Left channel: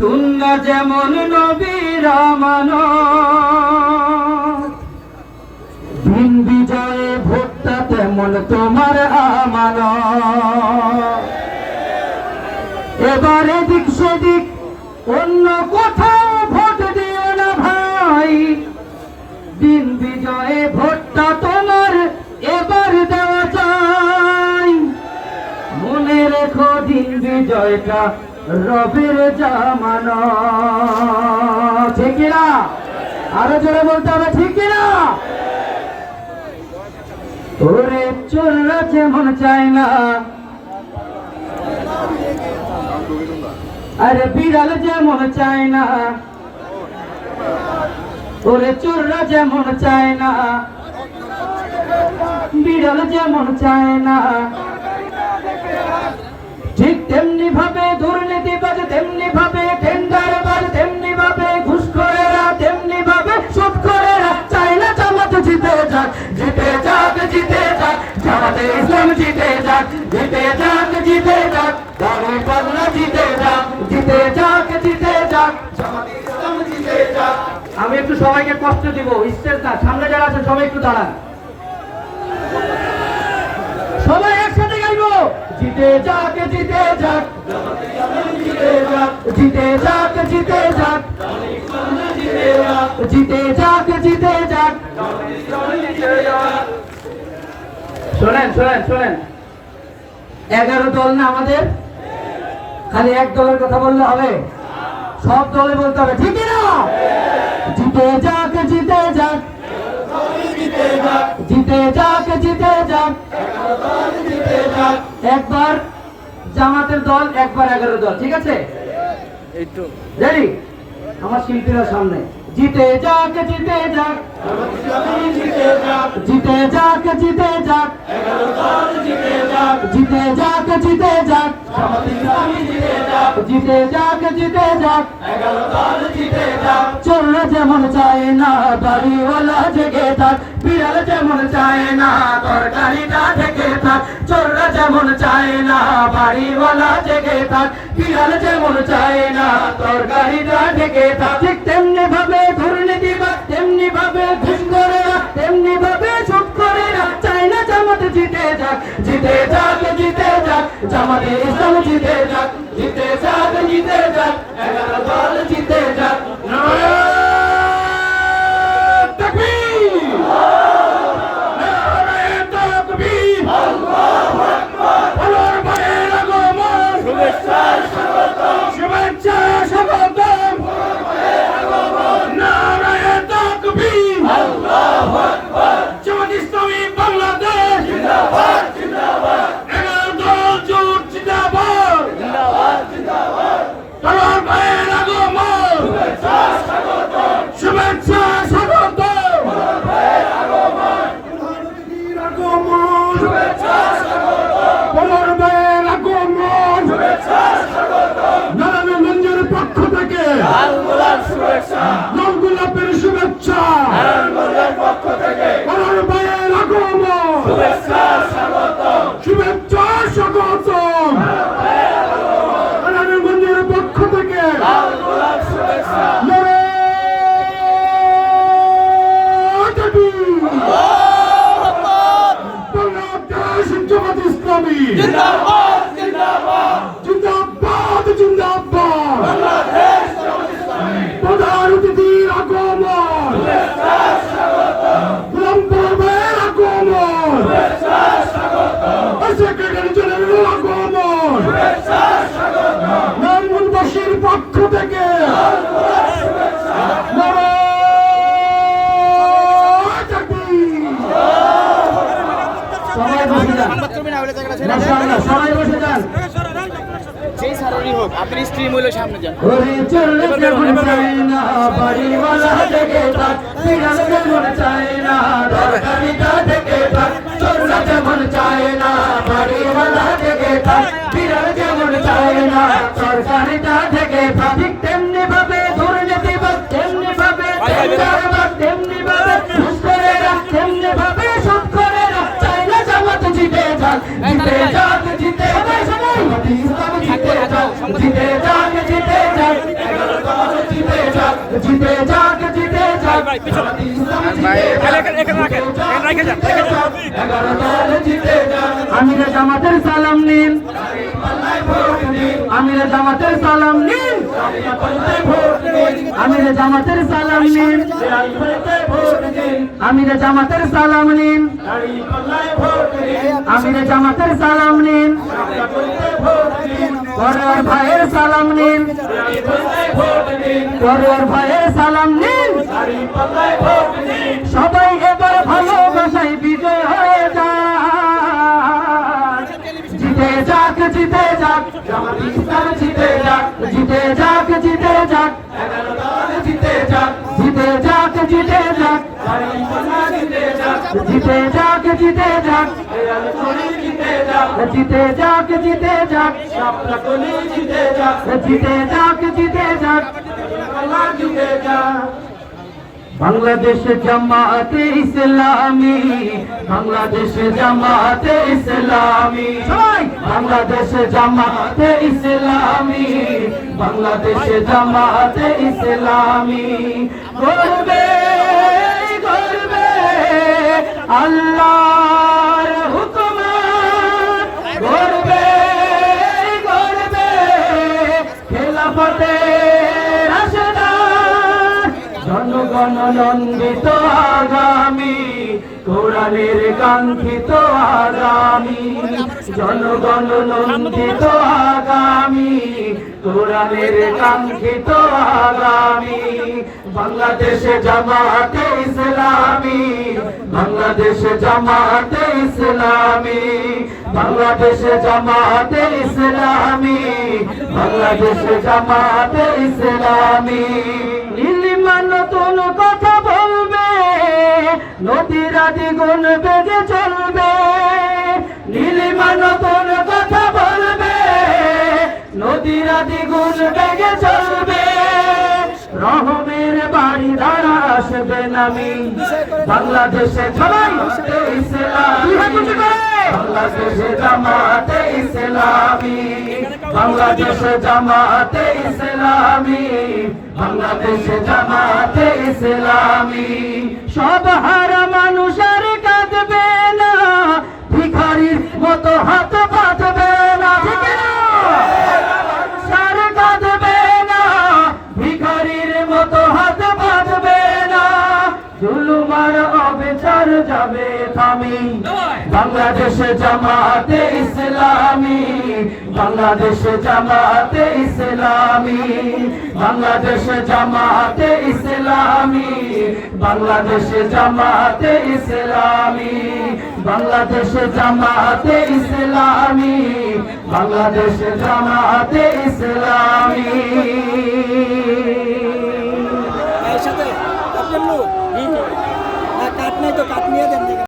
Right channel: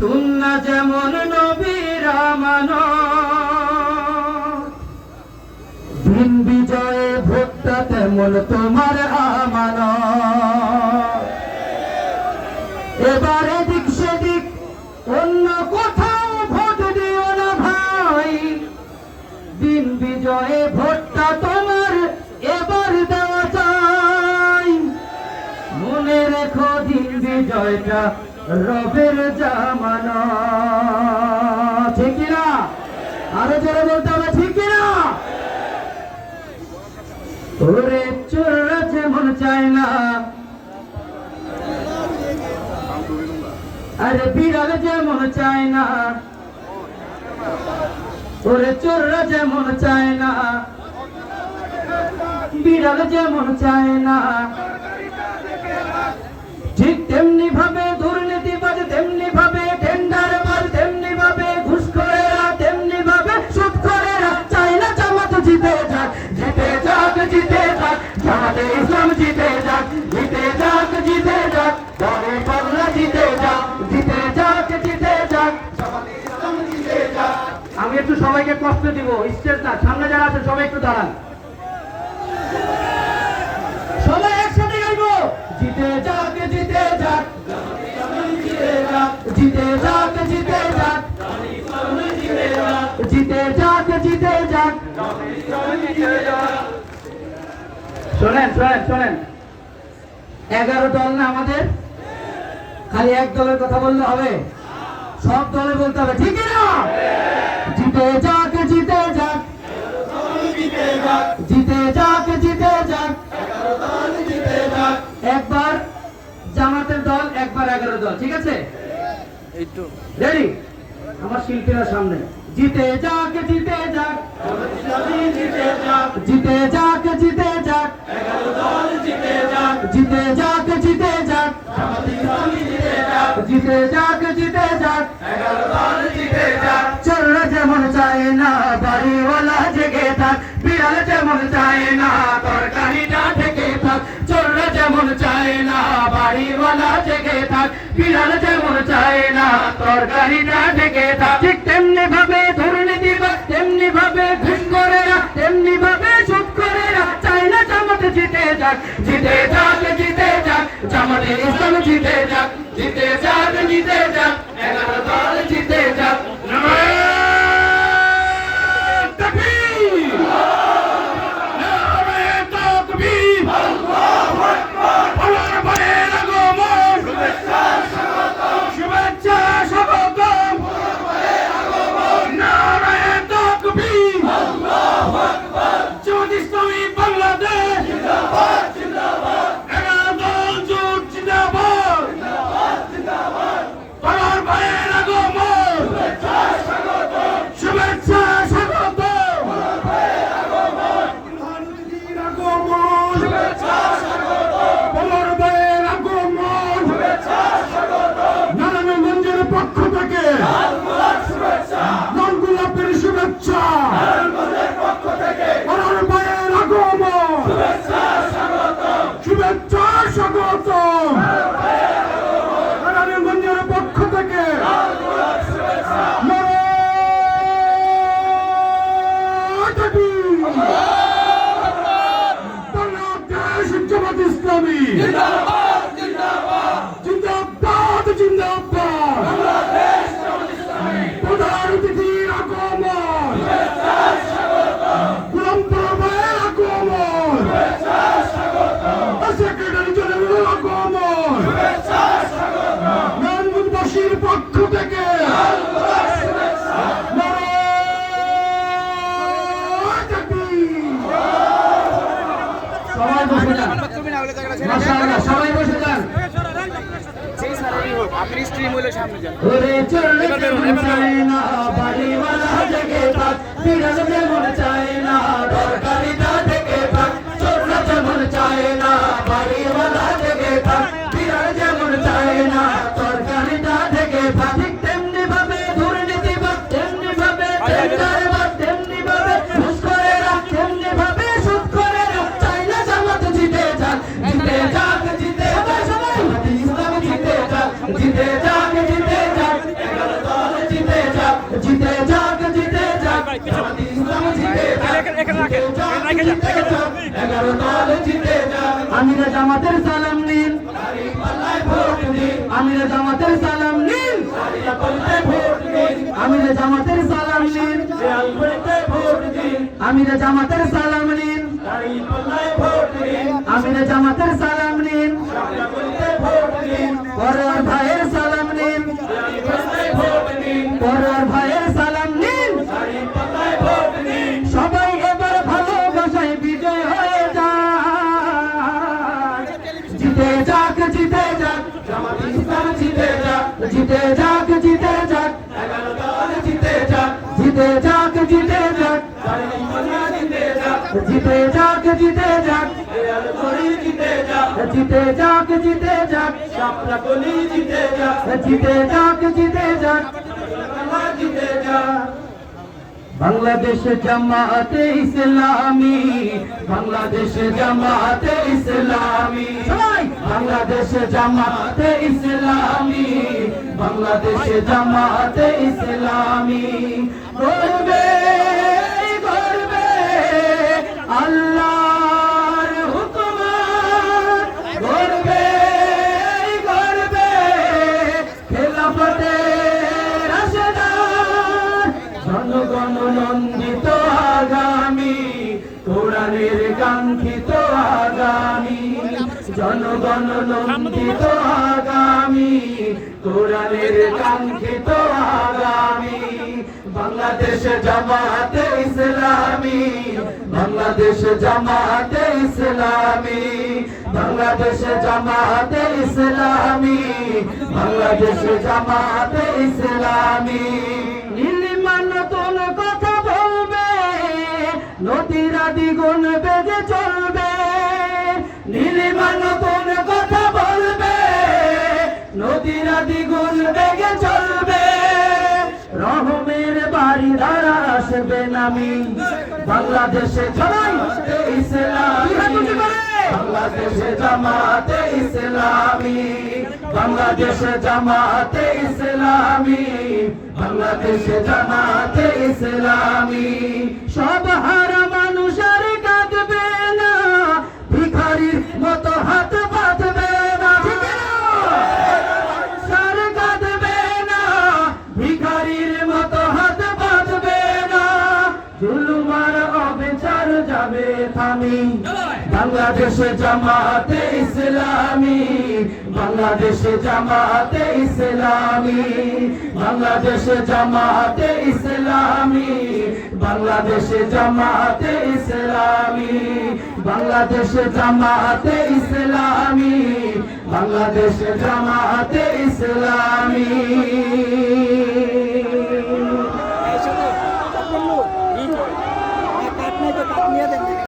তুল্লা যেমন নবীর আমানত, দিন বিজয়ে ভোটটা তেমন তোমার আমানত। এবারে দিক সেদিক অন্য কোথাও ভোট দিও না ভাই, দিন বিজয়ে ভোটটা তোমার এবার দেওয়া চাই। মনে রেখো দিন বিজয়টা রবের জামানত, ঠিক কিনা? আরো জোরে বলতে হবে, ঠিক কিনা? ওরে চোররা যেমন চায় না, আরে বিড়াল যেমন চায় না, ওরে চোররা যেমন চায় না, বিড়াল যেমন চায় না, ঠিক তেমনি ভাবে দুর্নীতিবাজ, তেমনি ভাবে টেন্ডারবাজ, তেমনি ভাবে ঘুষখোরেরা, তেমনি ভাবে সুদখোরেরা চায় না জামাত জিতে যাক, জিতে যাক, জিতে যাক, জামাতে ইসলাম জিতে যাক, জিতে যাক, জিতে যাক, দাঁড়ে পাল্লা জিতে যাক, জিতে যাক, জিতে যাক, জামাতে ইসলাম জিতে যাক। আমি একটু সবাইকে কষ্ট দিব, স্টেজ না, সামনে যারা আছে সবাই একটু দাঁড়ান, সবাই একসাথে গাইবো। জিতে যাক, জিতে যাক, জিতে যাক, জিতে যাক, জিতে যাক, জিতে যাক, জিতে যাক। শোনেন শোনেন শোনেন, 11 দল না আমাদের, খালি এক দলের কথা বললে হবে? সব দলে বলতে হবে, ঠিক না? জিতে যাক, জিতে যাক, জিতে যাক, জিতে যাক, একবার জামাতের দল, একবার 11 দল, ঠিক আছে? রেডি? আমার শিল্পীরা সামনে। জিতে যাক, জিতে যাক, জিতে যাক, জিতে যাক, জিতে যাক, 11 দল জিতে যাক, জিতে যাক, জিতে যাক, জিতে যাক, জিতে যাক, 11 দল জিতে যাক। চোররা যেমন চায় না বাড়িওয়ালা জেগে থাক, বিড়াল যেমন চায় না তরকারিটা থেকে থাক, চোররা যেমন চায় না বাড়িওয়ালা জেগে থাক, বিড়াল যেমন চায় না তরকারিটা থেকে থাক, ঠিক তেমনি ভাবে দুর্নীতিবাজ, তেমনি ভাবে ঘুষখোরেরা, তেমনি ভাবে সুদখোরেরা চায় না জামাত জিতে যাক, জিতে যাক, জিতে যাক, জামাতে ইসলাম জিতে যাক, জিতে যাক, জিতে যাক, 11 দল জিতে যাক। নারায়ণগঞ্জের পক্ষ থেকে লালগোলাপের শুভেচ্ছা, ভাইয়ের আগমন, শুভেচ্ছা স্বাগতম, নারায়ণগঞ্জের পক্ষ থেকে জামাত ইসলামী জিন্দাবাদ, জিন্দাবাদ, প্রধান অতিথির আগমন, ভাইয়ের আগমন, সেক্রেটারি জেনারেলের আগমন, নারায়ণগঞ্জবাসীর পক্ষ থেকে সবাই বসে যান, মাশাআল্লাহ, সবাই বসে যান। আপনি স্ট্রিম হলে সামনে যান। ওরে চোররা যেমন চায় না বাড়িওয়ালা জেগে থাক, বিড়াল যেমন চায় না তরকারিটা থেকে থাক, চোররা যেমন চায় না বাড়িওয়ালা জেগে থাক, বিড়াল যেমন চায় না তরকারিটা থেকে থাক, ঠিক তেমনি ভাবে দুর্নীতিবাজ, তেমনি ভাবে টেন্ডারবাজ, তেমনি ভাবে ঘুষখোরেরা, তেমনি ভাবে সুদখোরেরা চায় না জামাত জিতে যাক, জিতে যাক, জিতে যাক, জিতে যাক, জিতে যাক, আমিরে জামাতের সালাম নিন, আমিরে জামাতের সালাম নিন, আমিরে জামাতের সালাম নিন, আমিরে জামাতের সালাম নিন, আমিরে জামাতের সালাম নিন, পরের ভাইয়ের সালাম নিন, পরের ভাইয়ের সালাম নিন। সবাই এবার ভালোবাসায় বিজয় হয়ে যাক, জিতে যাক, জিতে যাক, জামাত ইসলাম জিতে যাক, জিতে যাক, জিতে যাক, জিতে যাক, জিতে যাক, জিতে যাক, জিতে যাক, জিতে যাক, জিতে যাক, জিতে যাক, জিতে যাক, জিতে যাক, জিতে যাক। বাংলাদেশ জামাতে ইসলামী, বাংলাদেশ জামাতে ইসলামী, বাংলাদেশ জামাতে ইসলামী, বাংলাদেশ জামাতে ইসলামী। গর্বে গর্বে আল্লাহর হুকুম, গর্বে গর্বে খেলাফতে জনগণনন্দিত আগামী, কোরআনের কাঙ্ক্ষিত আগামী, জনগণনন্দিত আগামী, কোরআনের কাঙ্ক্ষিত আগামী। বাংলাদেশ জামাতে ইসলামী, বাংলাদেশ জামাতে ইসলামী, বাংলাদেশ জামাতে ইসলামী, বাংলাদেশ জামাতে ইসলামী। নতুন কথা বলবে, নদীরা দ্বিগুণ বেগে চলবে, নীলিমা নতুন কথা বলবে, নদীরা দ্বিগুণ বেগে চলবে। রহমের বাড়ি দ্বারা আসবে নামি, বাংলাদেশে জামাতে ইসলামী, বাংলাদেশে জামাতে ইসলামী, বাংলাদেশে জামাতে ইসলামী, বাংলাদেশে জামাতে ইসলামী। সব হারা মানুষ আর কাঁদবে না, ভিখারির মতো হাত পাতবে না, আর কাঁদবে না, ভিখারির মতো হাত পাতবে না। জুলুমার অবিচার যাবে থামি, বাংলাদেশে জামাতে ইসলামী, বাংলাদেশে জামাতে ইসলামী, বাংলাদেশে জামাতে ইসলামী, বাংলাদেশে জামাতে ইসলামী, বাংলাদেশে জামাতে ইসলামী, বাংলাদেশে জামাতে ইসলামী।